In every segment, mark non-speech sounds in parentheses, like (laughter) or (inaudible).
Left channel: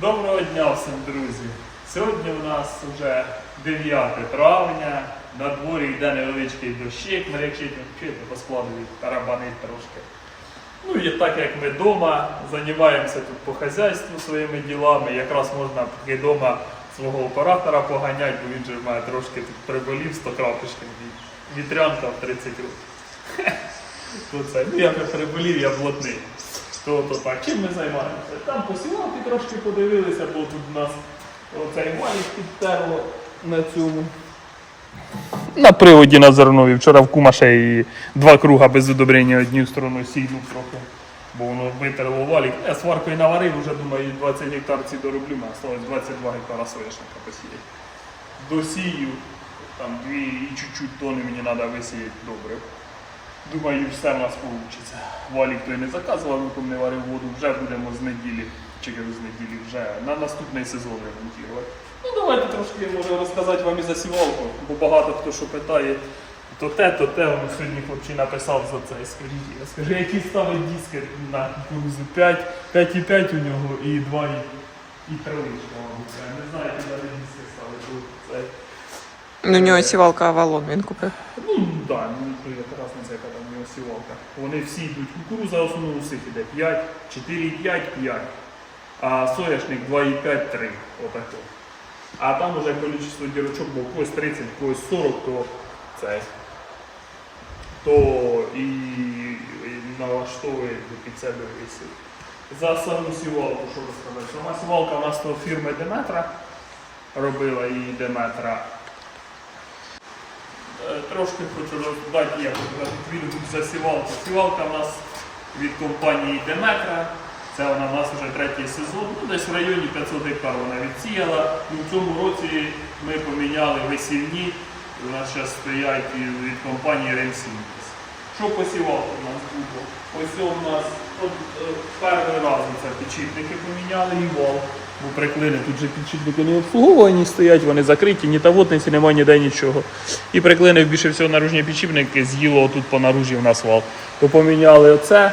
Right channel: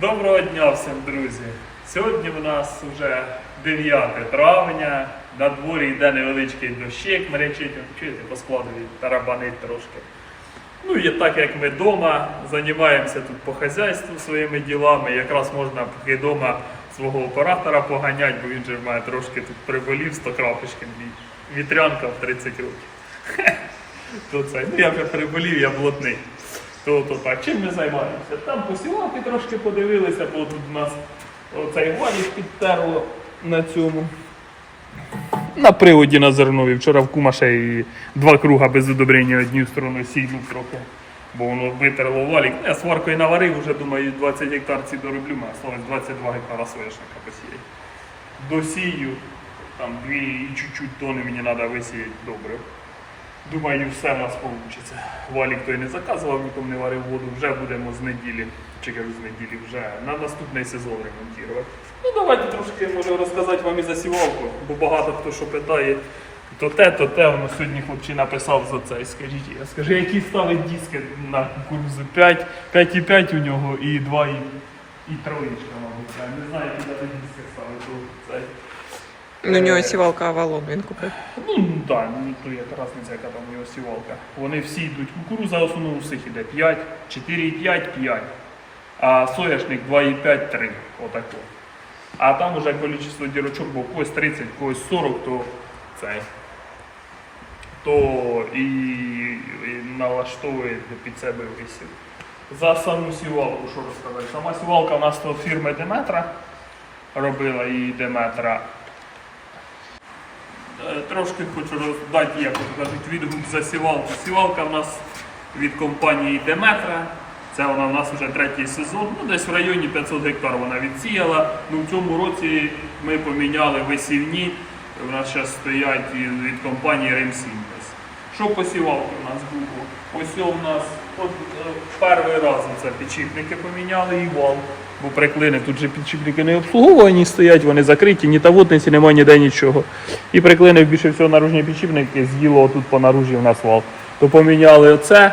Доброго дня всім, друзі! Сьогодні у нас вже 9 травня, на дворі йде невеличкий дощик, меречить, чуєте, по складу тарабанить трошки. Ну і так як ми вдома, займаємося тут по хазяйству своїми ділами, якраз можна поки вдома свого оператора поганяти, бо він же мене трошки тут приболів 100 крапочкин ві- вітрянка в 30 років. (laughs) Ну я вже приболів, я блатний. То, то так, чим ми займаємося? Там посівати трошки подивилися, бо тут у нас оцей валік підтерло на цьому. На приводі на зернові. Вчора в кума ще і два круга без удобрення однією стороною сійнув трохи. Бо воно витерло валік. Я сваркою наварив, вже думаю, 20 гектар ці дороблю, мене осталось 22 гектара соняшника посіяти. Досію, там дві і чуть-чуть тони мені треба висіяти добре. Думаю, все в нас вийде. Валік той не заказував, там не варив воду, вже будемо з неділі, чи кажу з неділі, вже на наступний сезон ремонтувати. Ну давайте трошки можу розказати вам і за сівалку, бо багато хто що питає. То те, то те, воно сьогодні хлопчий написав за це. Скажіть, я скажу, які ставить диски на кукурузу 5, 5,5 у нього і 2 і, і мабуть. Не знаю, які диски ставить. Це Ну, у нього сівалка Авалон він купив. Ну, так, ну то яка різниця, яка там у нього сівалка. Вони всі йдуть. Кукуруза в основному у всіх іде 5, 4,5, 5. А соняшник 2,5, 3. Отако. А там уже кількість дірочок, бо в когось 30, в когось 40, то цей. То і, і налаштовує під себе висів. За саму сівалку, що розказати. Сама сівалка у нас то фірми Деметра робила і Деметра. Трошки хочу роздати, як кажуть, відгук за сівалку. Сівалка в нас від компанії Деметра. Це вона в нас вже третій сезон. Ну, десь в районі 500 гектар вона відсіяла. Ну, в цьому році ми поміняли висівні. У нас зараз стоять від компанії Ремсінтез. Що по сівалку у нас було? Ось у нас от, е, перший раз це підшипники поміняли і вал. Бо приклини тут же підшипники не обслуговувані стоять, вони закриті, ні тавотниці, немає ніде нічого. І приклини більше всього наружні підшипники з'їло тут по наружі в нас вал. То поміняли оце.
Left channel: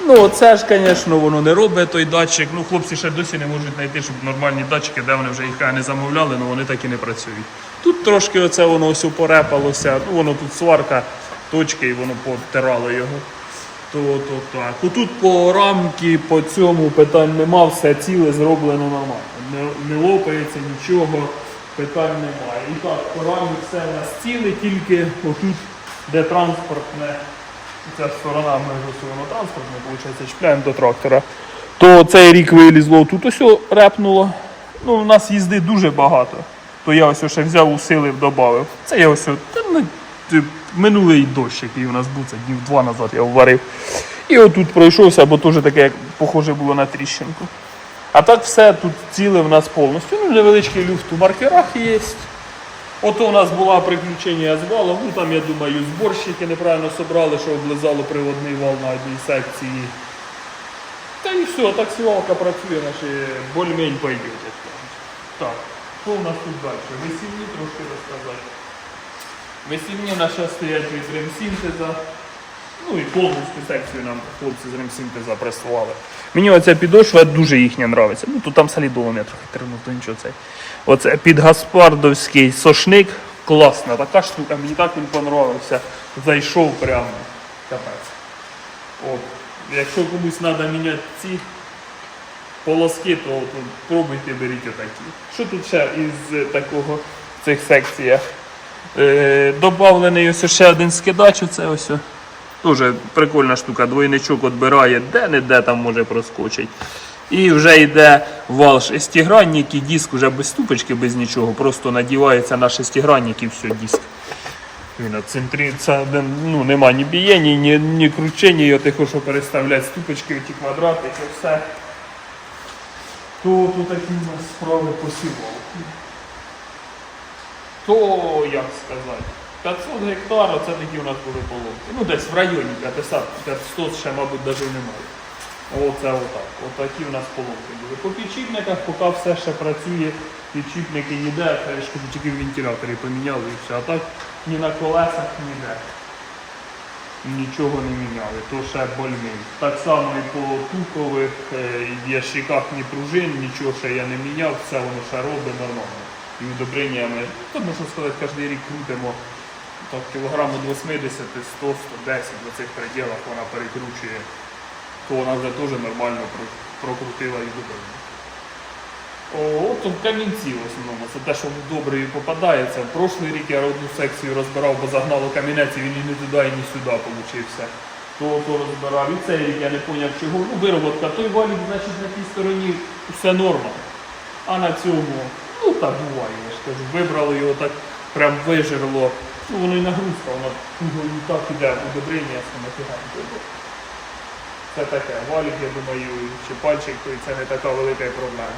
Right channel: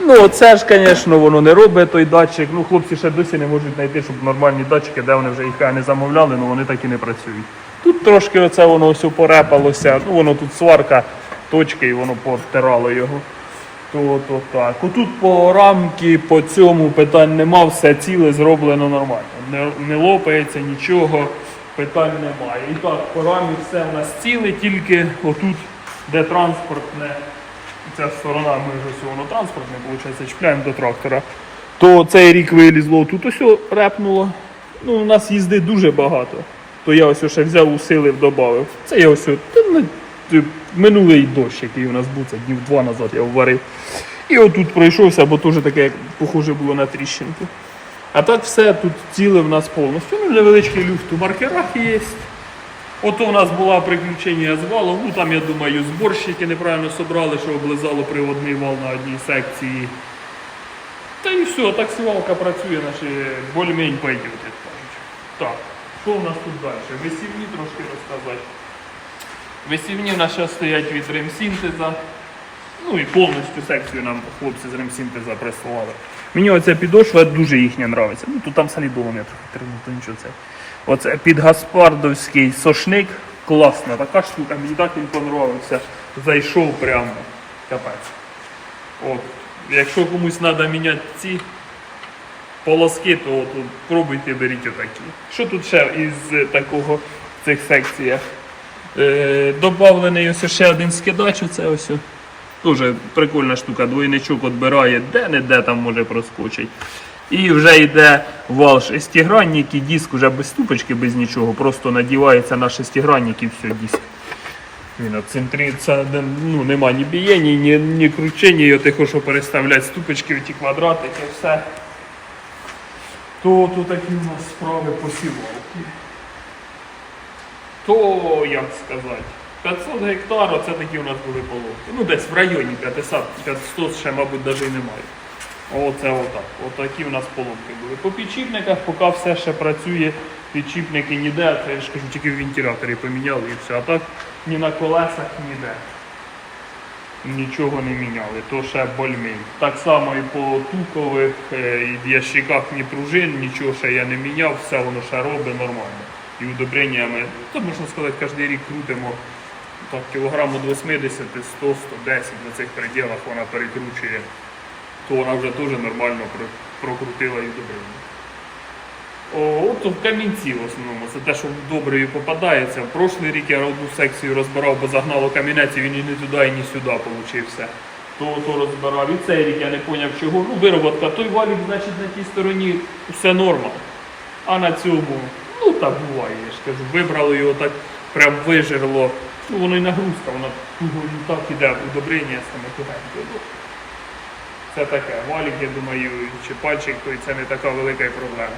Ну, це ж, звісно, воно не робить той датчик. Ну, хлопці ще досі не можуть знайти, щоб нормальні датчики, де вони вже їх не замовляли, але вони так і не працюють. Тут трошки оце воно ось порепалося, ну воно тут сварка, точки, і воно потирало його. То, то так. Отут по рамки, по цьому питань нема, все ціле зроблено нормально. Не, не лопається нічого, питань немає. І так, по рамі все у нас ціле, тільки отут, де транспортне, ця сторона, ми вже все воно транспортне, виходить, чіпляємо до трактора. То цей рік вилізло, тут ось репнуло. Ну, у нас їзди дуже багато. То я ось ще взяв, усилив, додав. Це я ось минулий дощ, який у нас був, це днів два назад я вварив. І отут пройшовся, бо теж таке, як похоже було на тріщинку. А так все тут ціле в нас повністю. Ну, невеличкий люфт у маркерах є. Ото у нас була приключення з валом, ну там, я думаю, зборщики неправильно собрали, що облизало приводний вал на одній секції. Та і все, так сівалка працює, наші більш-менш пойдет, як кажуть. Так, що у нас тут далі? Висівні трошки розказати. Висівні нас зараз стоять від ремсінтеза. Ну і повністю секцію нам хлопці з ремсінтеза прислали. Мені оця підошва дуже їхня нравиться. Ну тут там солідоло не трохи треба, то нічого це. Оце під Гаспардовський сошник. Класна така штука, мені так він понравився. Зайшов прямо. Капець. От. Якщо комусь треба міняти ці полоски, то от, пробуйте, беріть отакі. Що тут ще із такого в цих секціях? Е, добавлений ось ще один скидач, це ось. Дуже прикольна штука, двойничок відбирає, де-не-де там може проскочить. І вже йде вал шестигранник і диск вже без ступочки, без нічого. Просто надівається на шестигранник і все, диск. Він це ну, нема ні бієння, ні, ні кручення, його ти хочеш переставляти ступочки, ті квадрати, це все. То, то такі у нас справи посівалки. То, як сказати, 500 гектар, це такі у нас були половки. Ну, десь в районі 500, 500 ще, мабуть, навіть немає. Оце отак. Отакі у нас поломки були. По підчіпниках, поки все ще працює, підчіпники ніде, я ж кажу, тільки в вентиляторі поміняли і все. А так ні на колесах, ніде. нічого не міняли, то ще больмень. Так само і по тукових е, і ящиках ні пружин, нічого ще я не міняв, все воно ще робить нормально. І удобреннями, то можна сказати, кожен рік крутимо так, кілограму 80, 100, 110 в цих пределах вона перекручує, то вона вже теж нормально прокрутила і удобрення. О, от в камінці в основному. Це те, що добре попадається. В прошлий рік я одну секцію розбирав, бо загнало камінець, і він і не туди, і не сюди получився. То, то розбирав. І цей рік я не зрозумів чого. Ну, вироботка, той валік, значить, на тій стороні все норма. А на цьому, ну буває, я ж кажу, вибрало його так, прям вижерло. Ну воно і нагрузка, вона і так іде в удобрення саме тихенько. Ну, Це таке. Валік, я думаю, чи пальчик, то це не така велика проблема.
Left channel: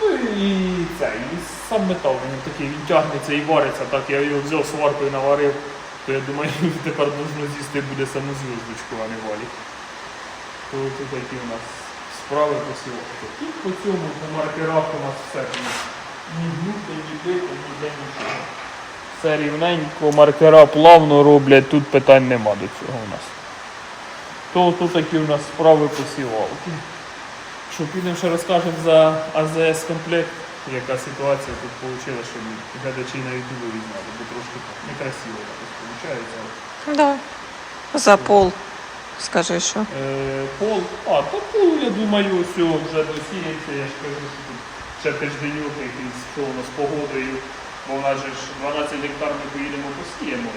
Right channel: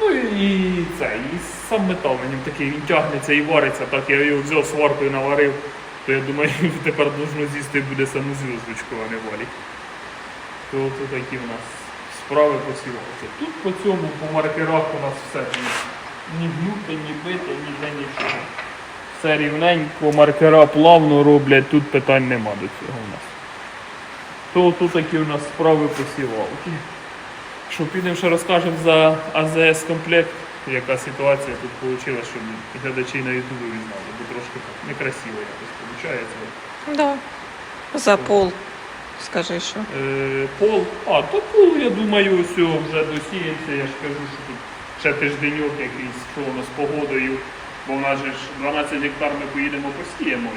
Ну і це, і сам метал на ньому такий тягнеться і вариться, так я його взяв сваркою наварив, то я думаю, (laughs) тепер можна з'їсти буде саму зв'язочку, а не валік. То тут такі у нас справи по сівалки. Тут по цьому, по маркерах у нас все ні гнуто, ні бите, ніде нічого. Все рівненько, маркера плавно роблять, тут питань нема до цього у нас. То тут такі у нас справи по сівалки. Що підемо ще розкажемо за АЗС комплект, яка ситуація тут вийшла, щоб глядачі на ютубі знали, бо трошки так некрасиво якось виходить. Да. За пол. Скажи, що. Е, пол, а, то пол, я думаю, все вже досіється, я ж кажу, що тут ще тижденьок якийсь, що воно з погодою, бо в нас же ж 12 гектар ми поїдемо посіємо,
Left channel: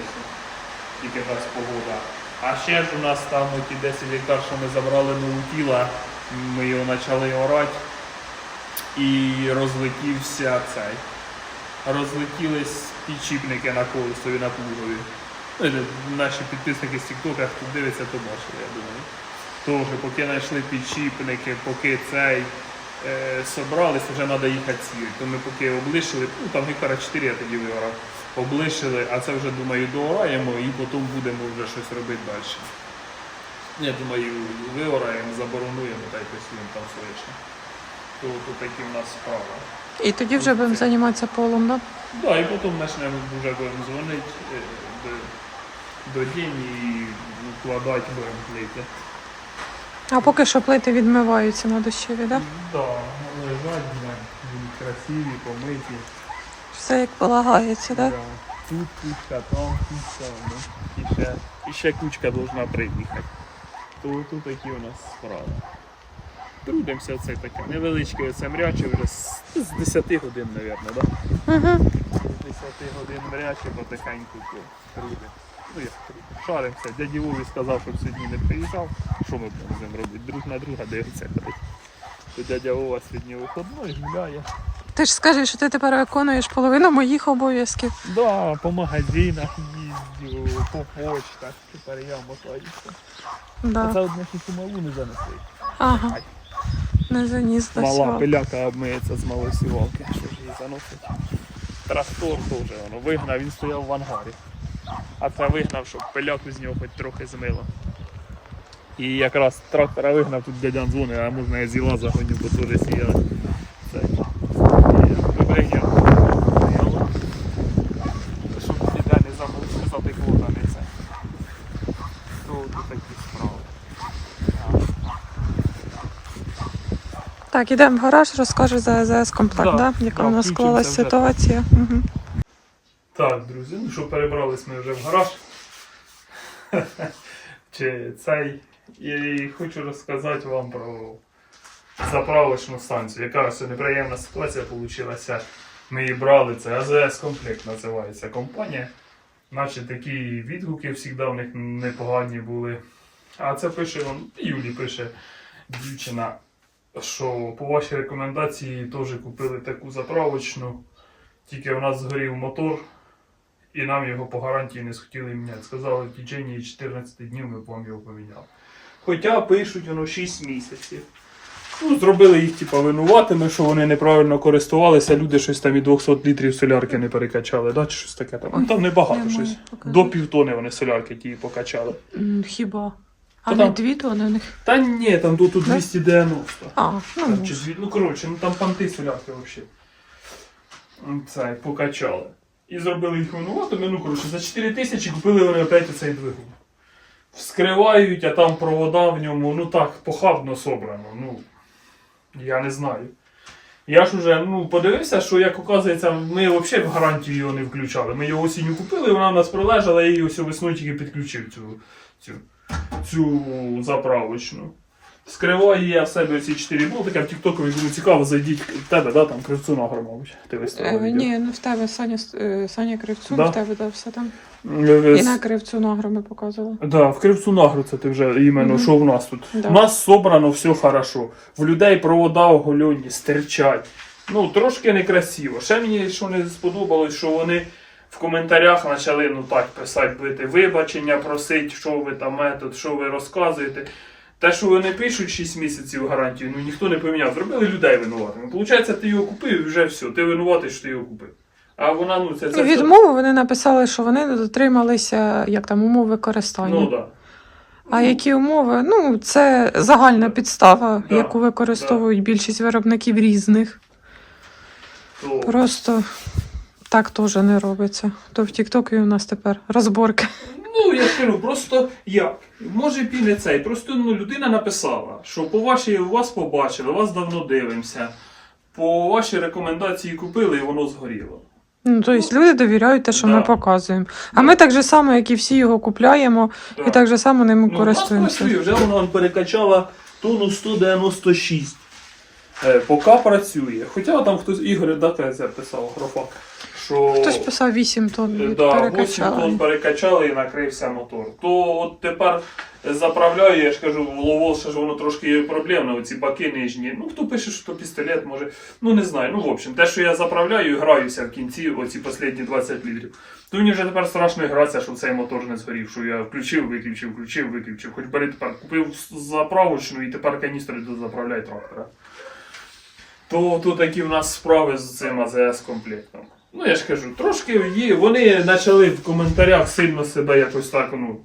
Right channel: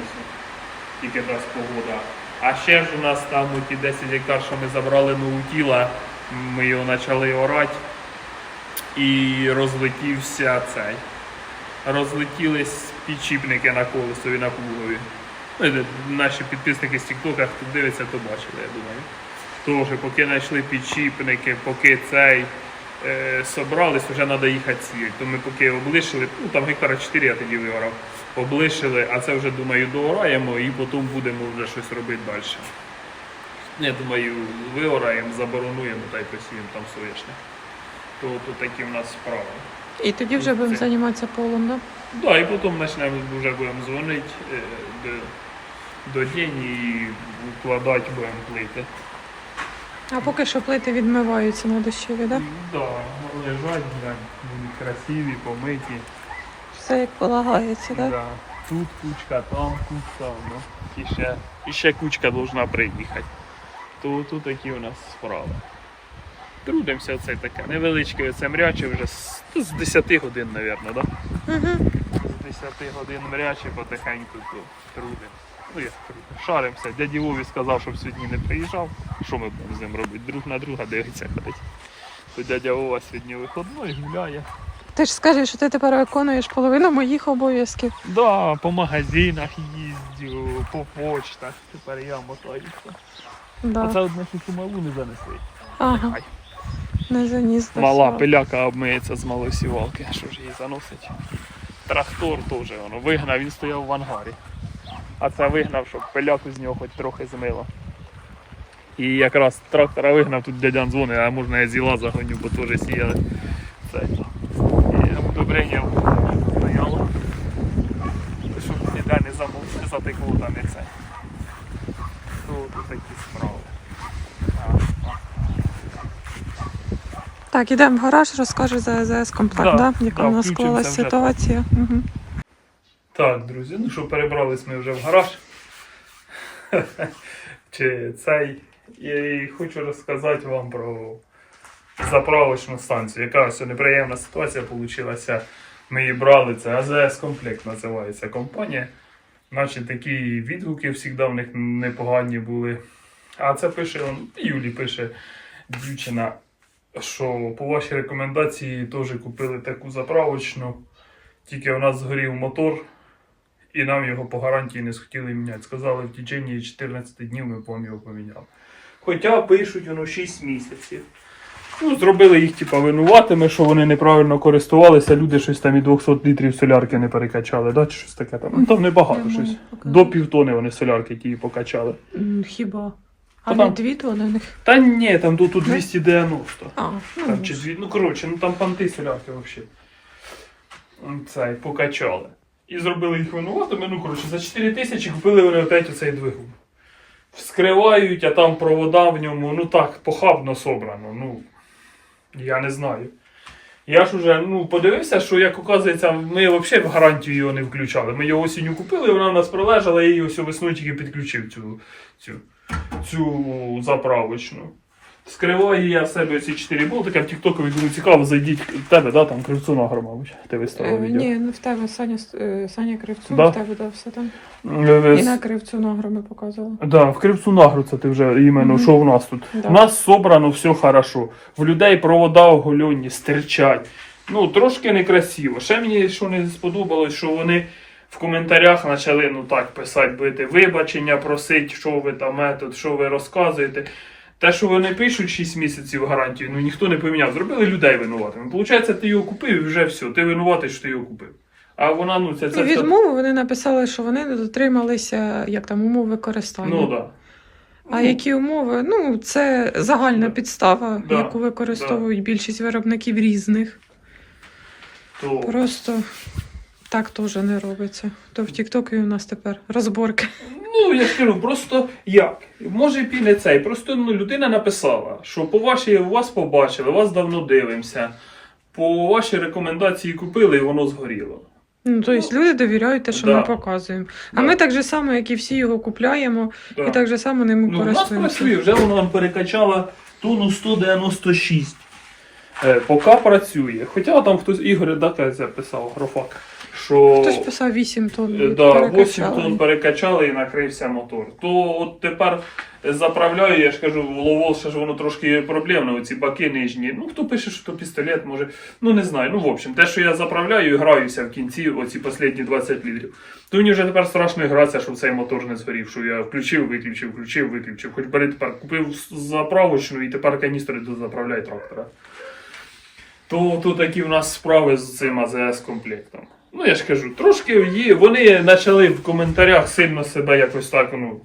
тільки дасть погода. А ще ж у нас там ті 10 гектар, що ми забрали нову тіла, ми його почали орати і розлетівся цей. Розлетілись підчіпники на колесові на плугові. Ну, Наші підписники з Тіктока, хто дивиться, то бачили, я думаю. Тож, поки знайшли підшипники, поки цей е, собрались, вже треба їхати світ. То ми поки облишили, ну там гектара 4 я тоді виорав, облишили, а це вже думаю доораємо і потім будемо вже щось робити далі. Я думаю, виораємо, заборонуємо та й посіємо там соняшник. То тут такі в нас справи. І тоді вже будемо займатися полом, да? Да, і потім почнемо вже будемо дзвонити е, до, день і вкладати будемо плити. А поки що плити відмиваються на дощові, да? Да, лежать, будуть красиві, помиті. Все як полагається, да? Да. Тут кучка, там кучка, ну. І ще, і ще кучка должна приїхати. То тут такі у нас справи. Трудимося оце таке. Невеличке оце мряче вже з, з 10 годин, мабуть, да? Угу. З 10 годин мряче потихеньку то трудим. Ну як. Шаримося. Дяді Вові сказав, щоб сьогодні не приїжджав. Що ми будемо з ним робити? Друг на друга дивиться ходить. То дядя Вова сьогодні виходний гуляє. Ти ж скажеш, що ти тепер виконуєш половину моїх обов'язків. Да, по магазинах їздю, по почтах. Тепер я мотаюся. Да. Оце одне тільки малу не занесли. Ага, Ай. не заніс до Мала пиляка обмиється з малої сівалки. Що ж її заносить? Трактор теж воно вигнав, він стояв в ангарі. А це вигнав, щоб пиляку з нього хоч трохи змило. І якраз трактора вигнав, тут дядян дзвонить, а можна я зіла загоню, бо теж сіяли. Це. І удобрення стояло. Щоб ніде не замов, не затекло там і це. То тут такі справи. Так, ідемо в гараж, розкажу за АЗС комплект, Да, да? яка да, у нас склалась ситуація. Угу. Так, друзі, ну що, перебрались ми вже в гараж. (laughs) Чи цей. І хочу розказати вам про заправочну станцію. Яка неприємна ситуація вийшла. Ми її брали, це АЗС комплект називається компанія. Наче такі відгуки завжди в них непогані були. А це пише, Юлі пише дівчина, що по вашій рекомендації теж купили таку заправочну. Тільки у нас згорів мотор, і нам його по гарантії не схотіли міняти. Сказали, в течение 14 днів ми вам його поміняли. Хоча пишуть воно 6 місяців. Ну, зробили їх типа винуватими, що вони неправильно користувалися, люди щось там і 200 літрів солярки не перекачали, да? чи щось таке там. Ну там небагато Немає, щось. покажи. До півтони вони солярки ті покачали. Хіба? А не там- дві тони у них. Та ні, там тут, тут 290. А, ну, Там, чи дві, ну коротше, ну там панти солярки взагалі. Це покачали. І зробили їх винуватими. Ну, коротше, за 4 тисячі купили вони опять оцей двигун. Вскривають, а там провода в ньому, ну так, похабно собрано. Ну, я не знаю. Я ж уже ну, подивився, що як оказується, ми взагалі в гарантію його не включали. Ми його осінню купили, вона в нас прилежала, я її ось весною тільки підключив цю, цю, цю заправочну. Скриваю я в себе ці 4 болтика в Тіктокові, кому цікаво, зайдіть в тебе, да, там кривцу награ, мабуть. Ти Е, виставив. відео. ні, ну в тебе Саня, е, Саня Кривцун, Да? в тебе да, все там. Е, І на Кривцю нагру ми показували. Да, в Кривцу Нагру це ти вже іменно, Мгм. що в нас тут. Да. У нас собрано все хорошо. В людей провода оголені, стирчать. Ну, трошки некрасиво. Ще мені що не сподобалось, що вони в коментарях почали ну так писати, бити вибачення, просить, що ви там метод, що ви розказуєте. Те, що вони пишуть 6 місяців гарантію, ну ніхто не поміняв. Зробили людей винуватими. Получається, ти його купив і вже все, ти винуватий, що ти його купив. А вона, ну, це, це І відмову вони написали, що вони не дотрималися як там умов використання. Ну, да. А які умови? Ну, це загальна підстава, Да, яку використовують більшість виробників різних. То... Просто так теж не робиться. То в Тіктокі у нас тепер розборки. Ну, я ж кажу, просто як? Може і не цей. Просто ну, людина написала, що по вашій вас побачили, вас давно дивимося. По вашій рекомендації купили і воно згоріло. Ну, тобто люди довіряють те, що Да. ми показуємо. А Да. ми так же само, як і всі його купляємо, Да. і так же само ним ну, у нас користуємося. працює, вже воно нам перекачала тонну 196. Е, поки працює. Хоча там хтось Ігор Дака писав, графак. Що Хтось писав 8 тонн Е, Да, 8 тонн перекачали і накрився мотор. То от тепер заправляю, я ж кажу, Ловол ще ж воно трошки проблемно, оці баки нижні. Ну, хто пише, що то пістолет, може. Ну не знаю. Ну, в общем, те, що я заправляю і граюся в кінці, оці останні 20 літрів. То мені вже тепер страшно гратися, щоб цей мотор не згорів, що я включив, виключив, включив, виключив. Хоч бери тепер купив заправочну і тепер каністри дозаправляй трактора. То, то такі в нас справи з цим АЗС комплектом. Ну, я ж кажу, трошки її, Вони почали в коментарях сильно себе якось так, ну,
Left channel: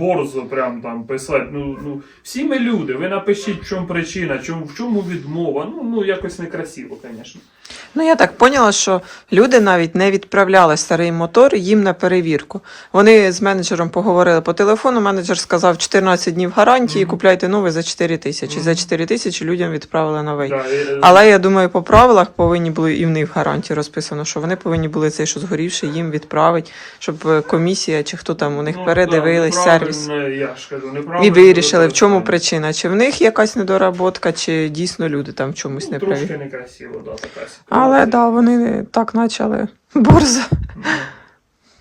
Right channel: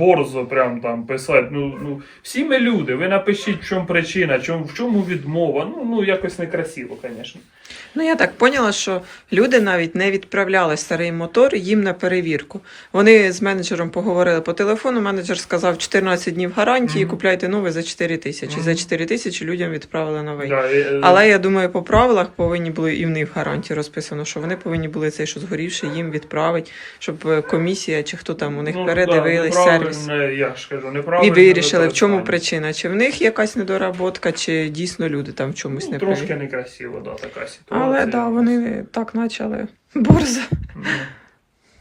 борзо прям там писати. Ну, ну, всі ми люди, ви напишіть, в чому причина, чому, в чому відмова. Ну, ну якось некрасиво, звісно. Ну, я так поняла, що люди навіть не відправляли старий мотор їм на перевірку. Вони з менеджером поговорили по телефону. Менеджер сказав 14 днів гарантії, Мгм. купляйте новий за 4 тисячі. Мгм. За 4 тисячі людям відправили новий. Да, е, Але я думаю, по правилах повинні були і в них гарантії розписано, що вони повинні були цей, що згорівший, їм відправити, щоб е, комісія чи хто там у них ну, передивились да, сервіс. Я ж кажу, І вирішили, в чому причина, чи в них якась недоработка, чи дійсно люди там в чомусь Ну, не трошки праві. некрасиво, да, така ситуація. Але да, вони так почали (laughs) борзо. Ну,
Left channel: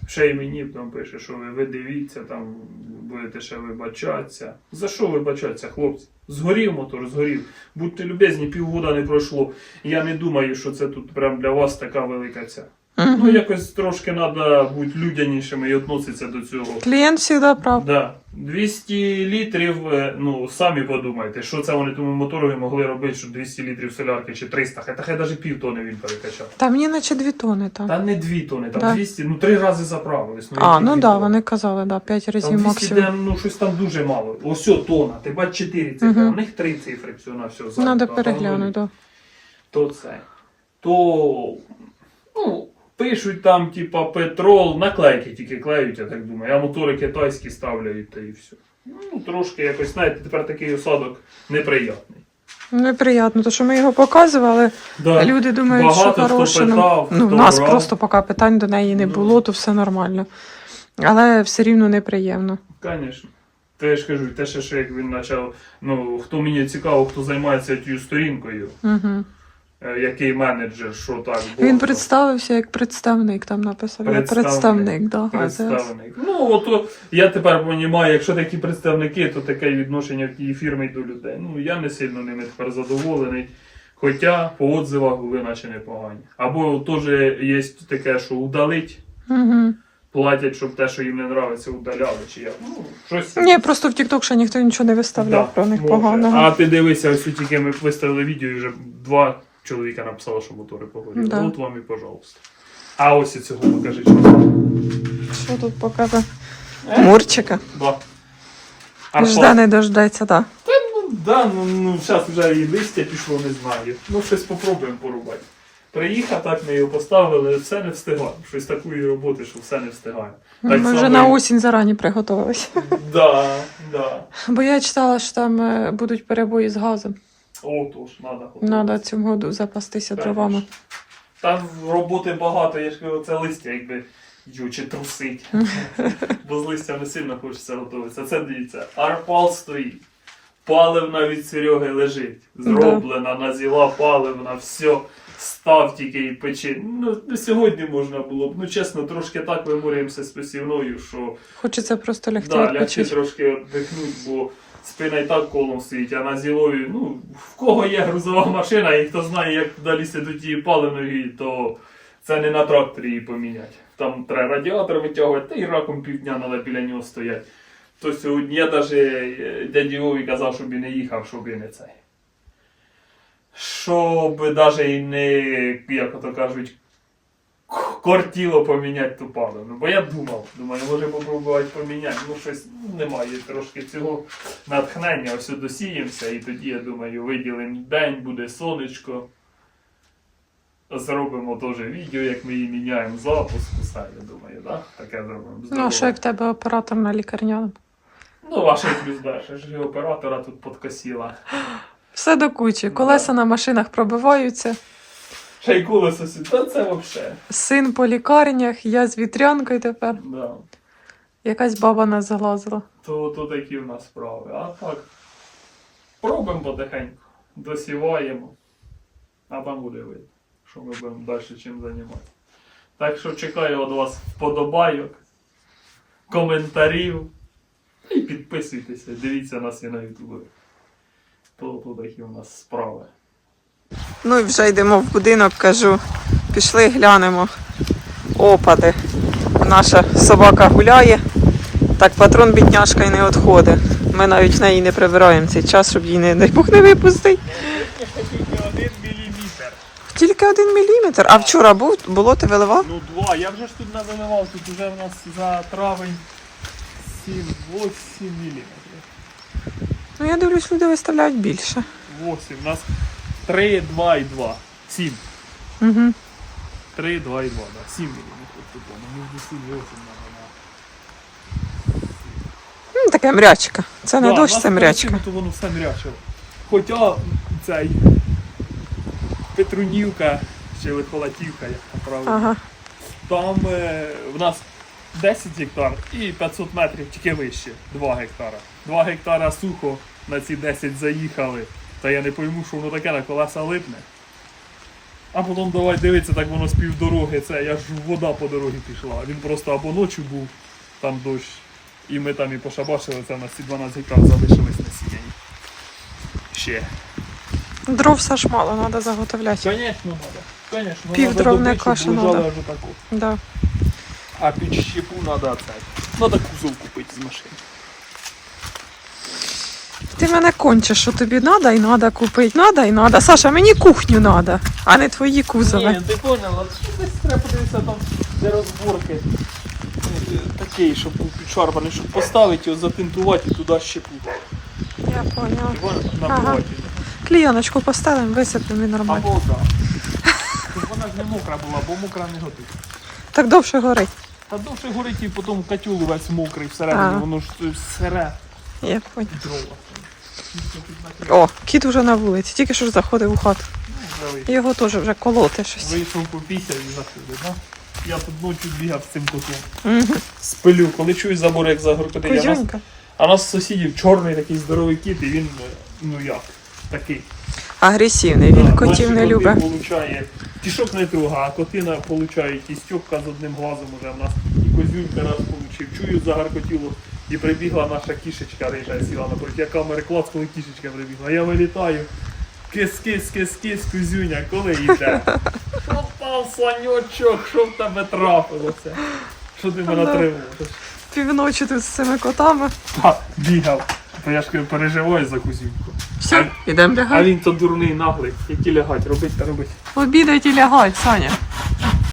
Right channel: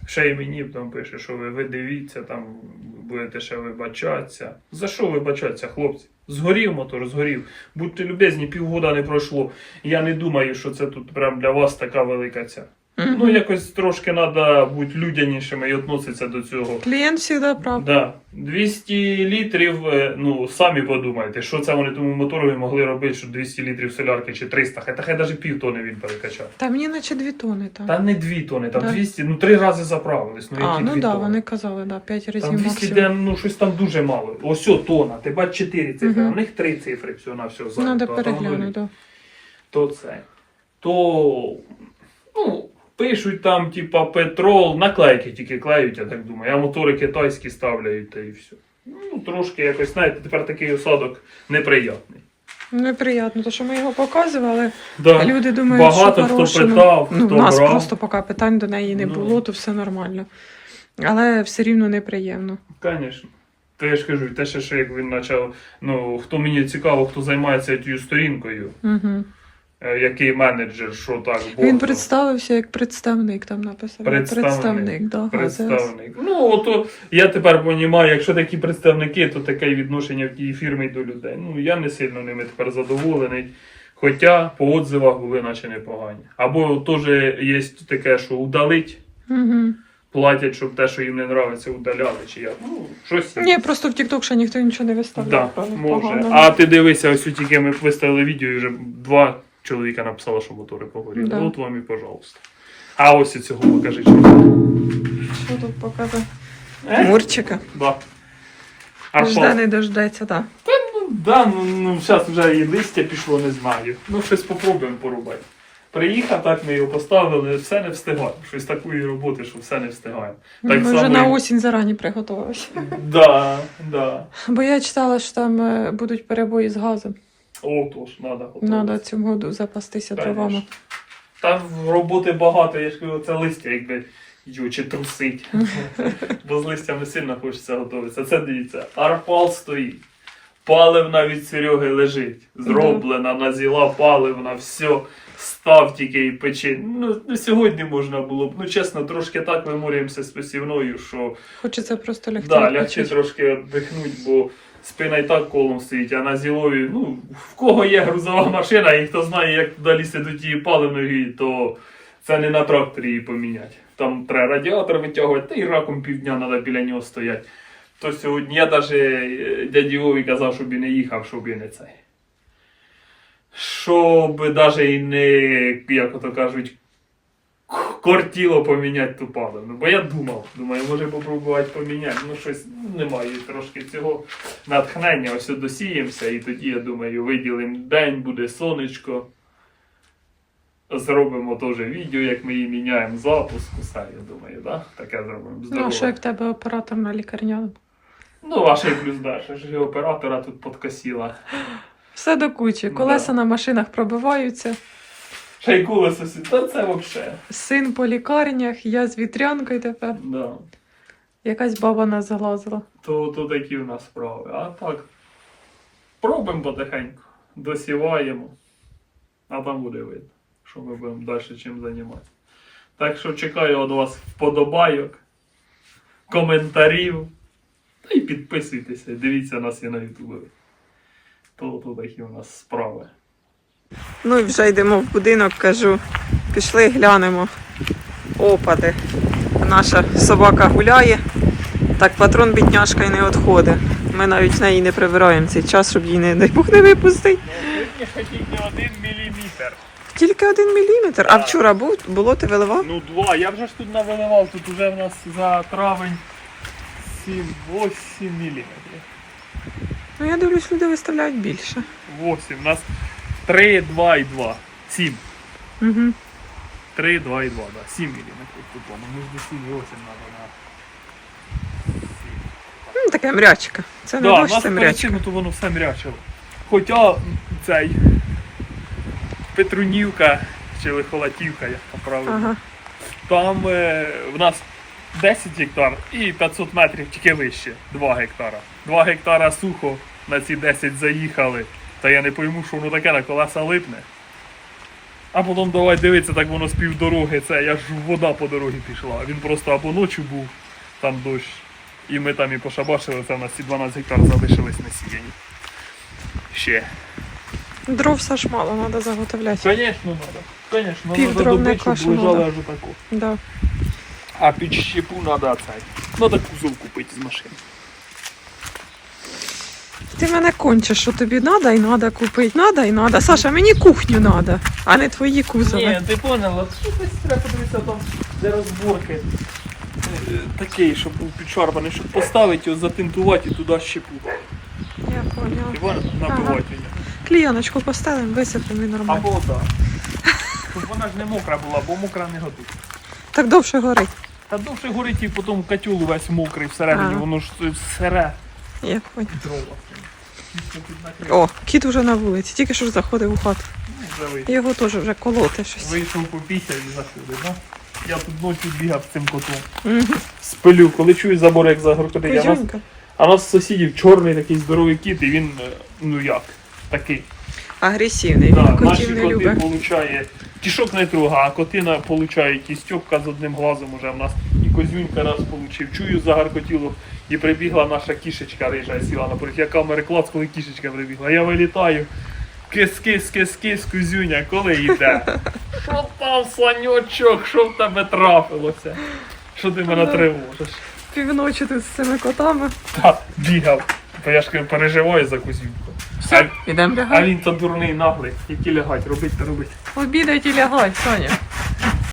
Ще й мені там пише, що ви, ви дивіться, там будете ще вибачатися. За що вибачатися, хлопці? Згорів мотор, згорів. Будьте любезні, півгода не пройшло. Я не думаю, що це тут прям для вас така велика ця. Мгм. Ну, якось трошки треба бути людянішими і відноситися до цього. Клієнт завжди прав. Да. 200 літрів, е, ну самі подумайте, що це вони тому мотору могли робити, що 200 літрів солярки чи 300, хай та хай навіть пів тони він перекачав. Та мені наче 2 тони там. Та не 2 тони, там Да. 200, ну три рази заправились. Ну, а, які ну дві так, да, тони? вони казали, да, 5 разів Там 200 максимум. де, ну щось там дуже мало. Ось о, тона, ти бач 4 цифри, Мгм. у них 3 цифри всього на все Треба переглянути. Да. То це. То, ну, пишуть там, типа, петрол, наклейки тільки клеють, я так думаю, а мотори китайські ставляють та і все. Ну, трошки якось, знаєте, тепер такий осадок неприятний. Неприємно, тому що ми його показували. Да. Люди думають, Багато що хто хороше. питав, ну, хто у нас брав. просто поки питань до неї не Ну. було, то все нормально. Але все рівно неприємно. Звісно. То я ж кажу, те, ще, що як він почав, ну, хто мені цікаво, хто займається тією сторінкою, Угу. Е, який менеджер, що так, Він представився як представник, там написано. Представник. Представник, да, представник. Ну, ото я тепер розумію, якщо такі представники, то таке відношення в тій фірмі до людей. Ну, я не сильно ними тепер задоволений. Хоча по отзивах були наче непогані. Або теж є таке, що удалить, Угу. платять, щоб те, що їм не подобається, удаляли. Чи як. Ну, щось. Ні, просто в TikTok ще ніхто нічого не Да, про них може. поганого. А ти дивися, ось тільки ми виставили відео і вже два чоловіка написали, що мотори погоріли. Да. От вам і пожалуйста. А ось і цього покажи. Що тут показує? Мурчика. Да. А Жде не дождеться, так. Ну, да, ну, ну зараз вже і листя пішло, не знаю. Ну, щось попробуємо порубати. Приїхав, так ми його поставили, все не встигаємо. Щось такої роботи, що все не встигаємо. Так Ми вже на осінь зарані приготувалися. Да, да. Бо я читала, що там е, будуть перебої з газом. О, тож, треба. Треба цього году запастися Конечно. дровами. Там роботи багато, я ж кажу, це листя, якби чи трусить. (laughs) Бо з листям сильно хочеться готуватися. Це дивіться, арпал стоїть. Паливна від Сереги лежить. Зроблена, назіла паливна, все. Став тільки і печи. Ну, ну, сьогодні можна було б. Ну, чесно, трошки так виморюємося з посівною, що Хочеться просто лягти. да, лягти трошки віддихнути, бо спина і так колом стоїть, а на зілові, ну, в кого є грузова машина, і хто знає, як туди лізти до тієї паливної, то це не на тракторі її поміняти. Там треба радіатор витягувати, та й раком півдня треба біля нього стояти. То сьогодні я навіть дяді Вові казав, щоб і не їхав, щоб і не цей. Щоб навіть не, як ото кажуть, кортіло поміняти ту паливну. Бо я думав, думаю, може попробувати поміняти. Ну щось ну, немає трошки цього натхнення. Ось досіємося, і тоді, я думаю, виділимо день, буде сонечко. Зробимо теж відео, як ми її міняємо запуск, усе, я думаю, да? таке зробимо. Ну, а що як в тебе оператор на лікарняному? Ну, ваш плюс далі. ж і оператора тут подкосила. Все до кучі. Колеса на машинах пробиваються. Колесо сюди. Та це взагалі. Син по лікарнях, я з вітрянкою тепер. Да. Якась баба нас залазила. То, то такі в нас справи. А так, пробуємо потихеньку, досіваємо, а там буде видно, що ми будемо далі чим займатися. Так що чекаю від вас вподобайок, коментарів. Та й підписуйтеся, дивіться нас і на Ютубі. То, то такі у нас справи. Ну і вже йдемо в будинок, кажу, пішли глянемо. Опади. Наша собака гуляє. Так патрон бідняшка і не відходить. Ми навіть в неї не прибираємо цей час, щоб її не дай Бог не випустить. Тільки один міліметр. Тільки один міліметр. А вчора був, було, ти виливав? Ну, два. Я вже ж тут навиливав, тут вже в нас за травень 7-8 міліметрів. Ну я дивлюсь, люди виставляють більше. 8. У нас 3, 2 і 2. 7. Угу. 3, 2 і 2, да. 7 міліметрів тут воно. Між 7 і 8 треба на. Ну, таке мрячка. Це не Да, дощ, це мрячка. цим то воно все мрячило. Хоча цей Петрунівка чи Лихолатівка, як там правильно. Ага. Там е, в нас 10 гектар і 500 метрів тільки вище 2 гектара. 2 гектара сухо на ці 10 заїхали. Та я не пойму, що воно таке на колеса липне. А потім давай дивитися, так воно з півдороги. Це я ж вода по дорозі пішла. Він просто або ночі був, там дощ. І ми там і пошабашили, це в нас ці 12 гектар залишились на сіяні. Ще. Дров все ж мало, треба заготовляти. Звісно, треба. Звісно, Пів дровника ще надо. Да. А під щепу треба цей. Надо кузов купити з машини. Ти мене кончиш, що тобі треба і треба купити, треба і треба. Саша, мені кухню треба, а не твої кузови. Ні, ти поняла, що десь треба подивитися там, де розборки. е, Такий, щоб був підшарпаний, щоб поставити його, затинтувати і туди щепу. Я поняла. Поняла? Ага. Клійоночку поставимо, висипемо і нормально. Або так. Щоб вона ж не мокра була, бо мокра не готує. Так довше горить. Та довше горить і потім котел весь мокрий всередині, А. воно ж сире Я накрив. О, кіт вже на вулиці, тільки що ж заходив у хату. Його теж вже колоти щось. Вийшов попісяв і заходив, да? Я тут ночі бігав з цим котом. Угу. Спилю, коли чую забор, як загоркоти. Я нас, а нас сусідів чорний такий здоровий кіт, і він, е, ну як, такий. Агресивний, Да, він котів не любить. получає, кішок не трогає, а котина получає і стьопка з одним глазом уже в нас, козюнька раз получив. Чую, загаркотіло, і прибігла наша кішечка рижа, сіла напроти. Я камери клац, коли кішечка прибігла. Я вилітаю. Кис, кис, кис, кис, кузюня, коли йде? (laughs) Що там, санючок, що в тебе трапилося? Що ти мене тривожиш? Півночі тут з цими котами. Так, бігав. Бо я ж переживаю за кузюньку. Все, ідемо А лягати. він то дурний наглий, які лягать, робить та робить. Обідать і лягать, Саня.